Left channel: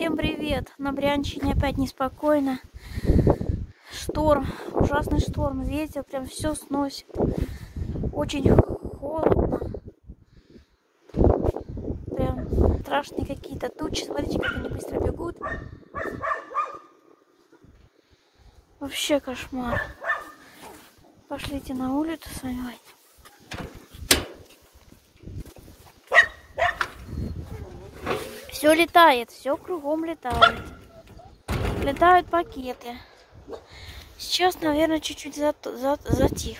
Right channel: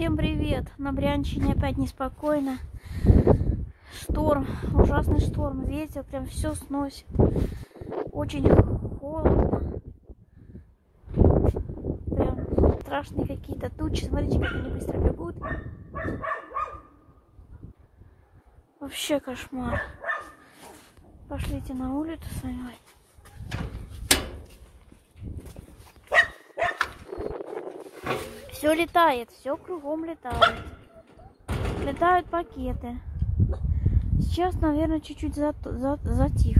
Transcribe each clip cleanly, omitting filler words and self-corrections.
Всем привет! На Брянщине опять неспокойно. Шторм, ужасный шторм, ветер прям все сносит. Очень холодно. Прям страшные какие-то тучи. Смотрите, как они быстро бегут. Вообще кошмар. Пошлите на улицу с вами. Все летает, все кругом летает. Летают пакеты. Сейчас, наверное, чуть-чуть затих.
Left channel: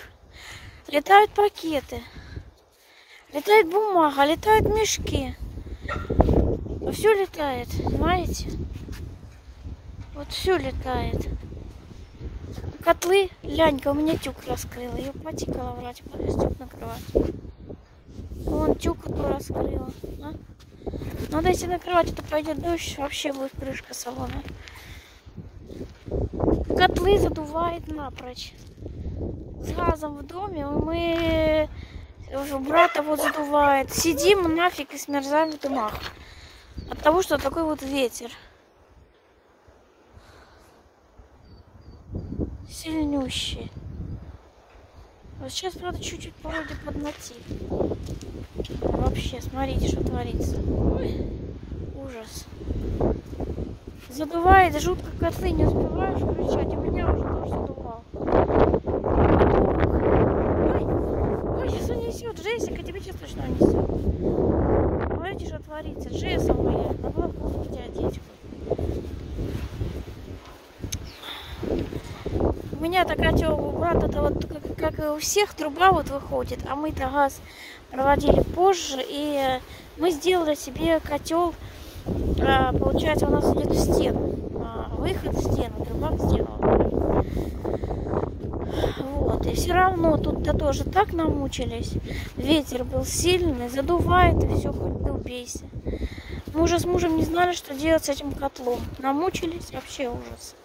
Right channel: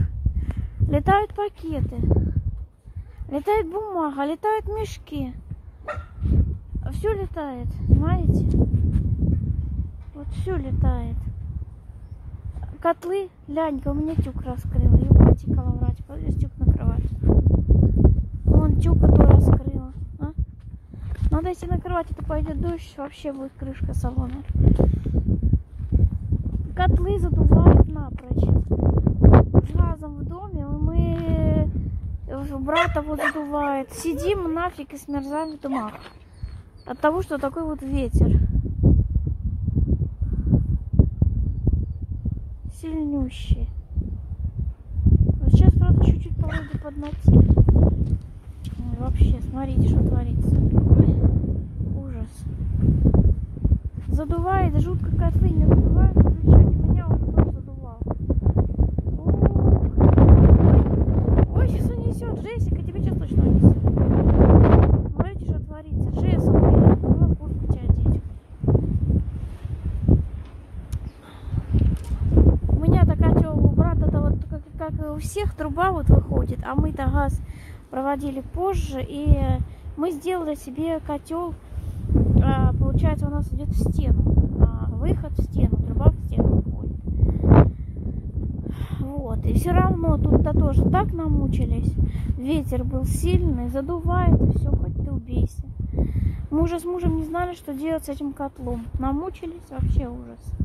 Летают пакеты. Летает бумага, летают мешки. Все летает, понимаете? Вот все летает. Котлы, Лянька, у меня тюк раскрыла. Ее потекала врать, полез тюк накрывать. Вон тюк эту раскрыла. А? Надо идти накрывать, это пойдет дождь, вообще будет крышка салона. Котлы задувает напрочь. С газом в доме мы... Брата вот задувает. Сидим нафиг и смерзаем в домах. От того, что такой вот ветер. Сильнющий. Вот сейчас, правда, чуть-чуть погода поднатит. Вообще, смотрите, что творится. Ой, ужас. Задувает жутко, котлы не успеваешь включать. У меня уже тоже задувал. Ой, сейчас унесет. Джессика, тебе сейчас точно унесет. Смотрите, что творится. Джесса моя. Могла в куртку тебя одеть. У меня-то котел у брата-то вот как и у всех труба вот выходит, а мы-то газ проводили позже, и мы сделали себе котел. Получается, у нас идет в стену. Выход в стену, труба в стену. Вот. И все равно тут-то тоже так намучились. Ветер был сильный, задувает, и все, хоть ты убейся. Мы уже с мужем не знали, что делать с этим котлом. Намучились, вообще ужас.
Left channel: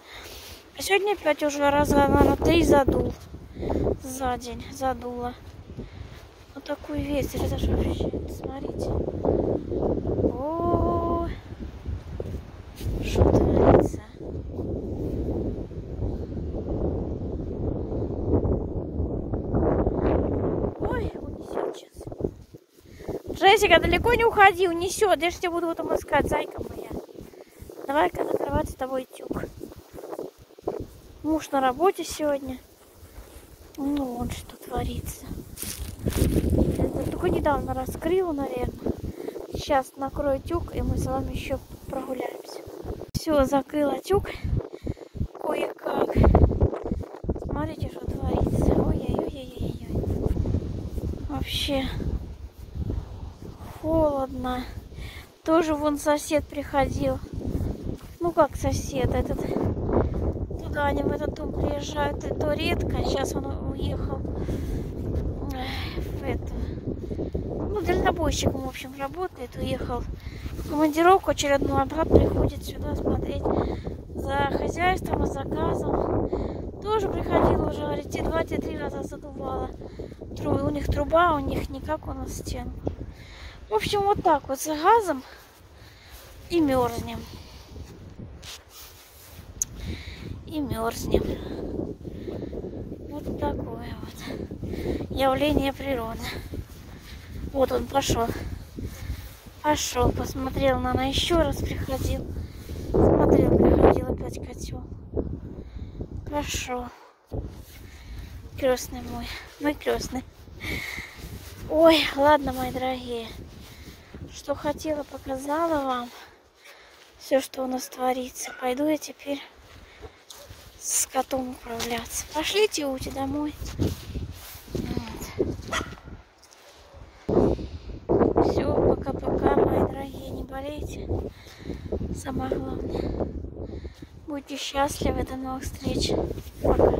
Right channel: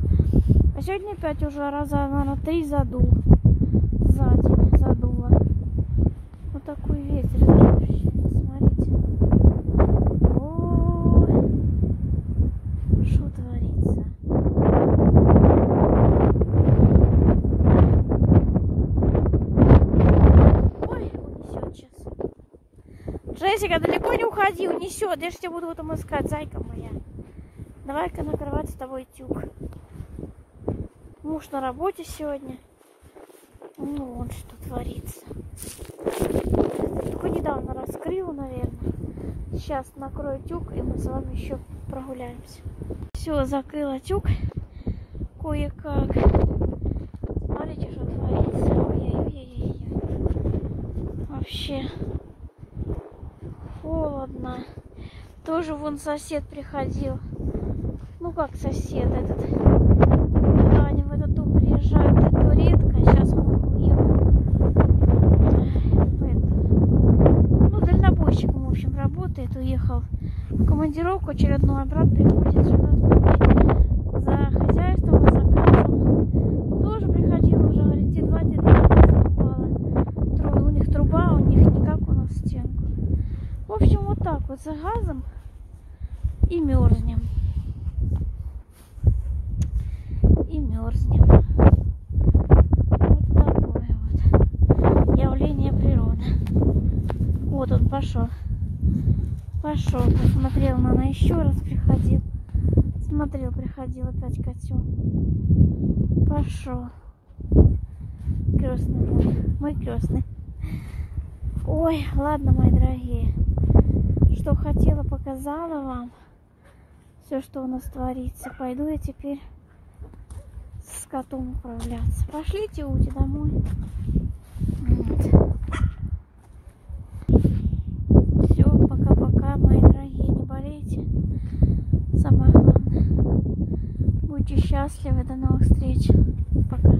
А сегодня опять уже раза, наверное, 3 задул. За день задуло. Вот такой ветер. Это же вообще, смотрите. О, что творится? Ой, унесет сейчас. Джессика, далеко не уходи, унесет. Я же тебя буду потом искать, зайка моя. Давай-ка накрывать с тобой тюк. Муж на работе сегодня. Ну, вон что творится. Только недавно раскрыла, наверное. Сейчас накрою тюк, и мы с вами еще прогуляемся. Все, закрыла тюк. Кое-как. Смотрите, что творится. Ой-ой-ой-ой-ой. Вообще холодно. Тоже вон сосед приходил. Ну как сосед этот? Туда они в этот дом приезжают, и то редко. Сейчас он уехал в это. Ну, дальнобойщиком, в общем, работает. Уехал в командировку очередную, обратно приходит сюда смотреть за хозяйством, за газом. Тоже приходил уже, говорит, те 2-3 раза задувало. У них труба, у них не как у нас стенка. В общем, вот так вот за газом и мерзнем. И мерзнем. Вот такое вот явление природы. Вот он пошел. Пошел, посмотрел, наверное, еще раз приходил. Смотрел, приходил опять котел. Пошел. Крестный мой крестный. Ой, ладно, мои дорогие. Что хотела, показала вам. Все, что у нас творится. Пойду я теперь с котом управляться. Пошлите Ути домой. Вот. Все, пока-пока, мои дорогие. Не болейте. Самое главное. Будьте счастливы. До новых встреч. Пока.